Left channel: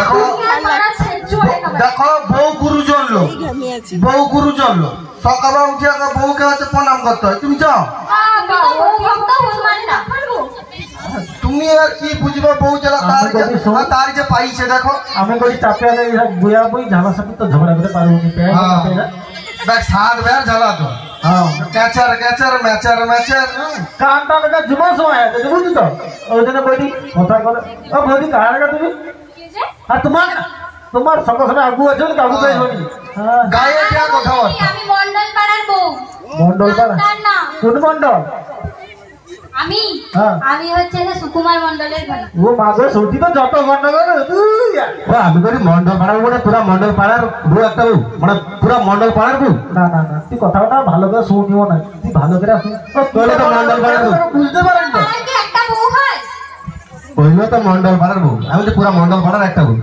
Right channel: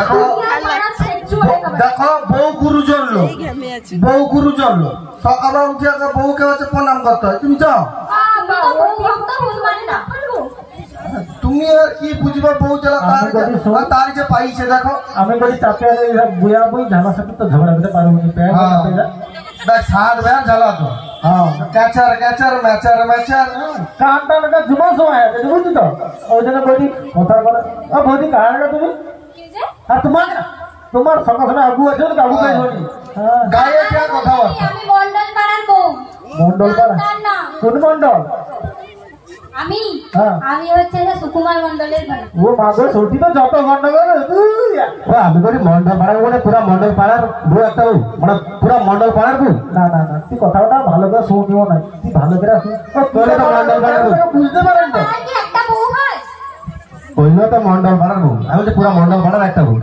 দেখো দেখো বউ গুরুজন লোক, বউ গুরুজন লোক, সকালে উঠে আগে বউকে হচ্ছে প্রণাম করতে হয়। তুমি যাও, তুমি আর কি বুঝবে বউ যারা তার যে পাইছে। দেখো আমি যদি চাপে বুয়া বই ঝামেলার সাথে তো ঝগড়া করতে পারবো না। দেখ সাত বের জ্বালা তো ক্যাচার ক্যাচার ম্যাচার ম্যাচার কানটা লাগা জুমা সময় আছে বুঝলি তো, ওই জন্য বইটি কথা করে। ও বৌদি কার লাগা তুমি আর তোমার তোমার সকাল সকাল আবু আছে না আবু পাই হনি গায়ে কে কথা বল। আমি মন্ডল পাড়ার বউ। মন্ডল পাড়া কোন মন্ডল? আমি আমি হচ্ছে যে সুকুমার মন্ডলের ঘরে। ও মাগো সৌটি তো যত গন্ডগোল তুই। ও আমি করি মন্ডল পাড়ার বউ না পুরা মন্ডল পাড়ার বউ একটা বউ, মানে পুরা মন্ডল পাড়ার বউ। না না না তুই কথাটা ভালো করে শুনিও না, তুই ভালো করে শুন। তোরে তো মন্ডল পাড়ার বউ বুঝতে পারেন না আমার কি একটা বউ হয়? ওইগুলো তো মন্ডল পাড়ার বউ, আমি তো পুরা মন্ডল পাড়ার একটা বউ।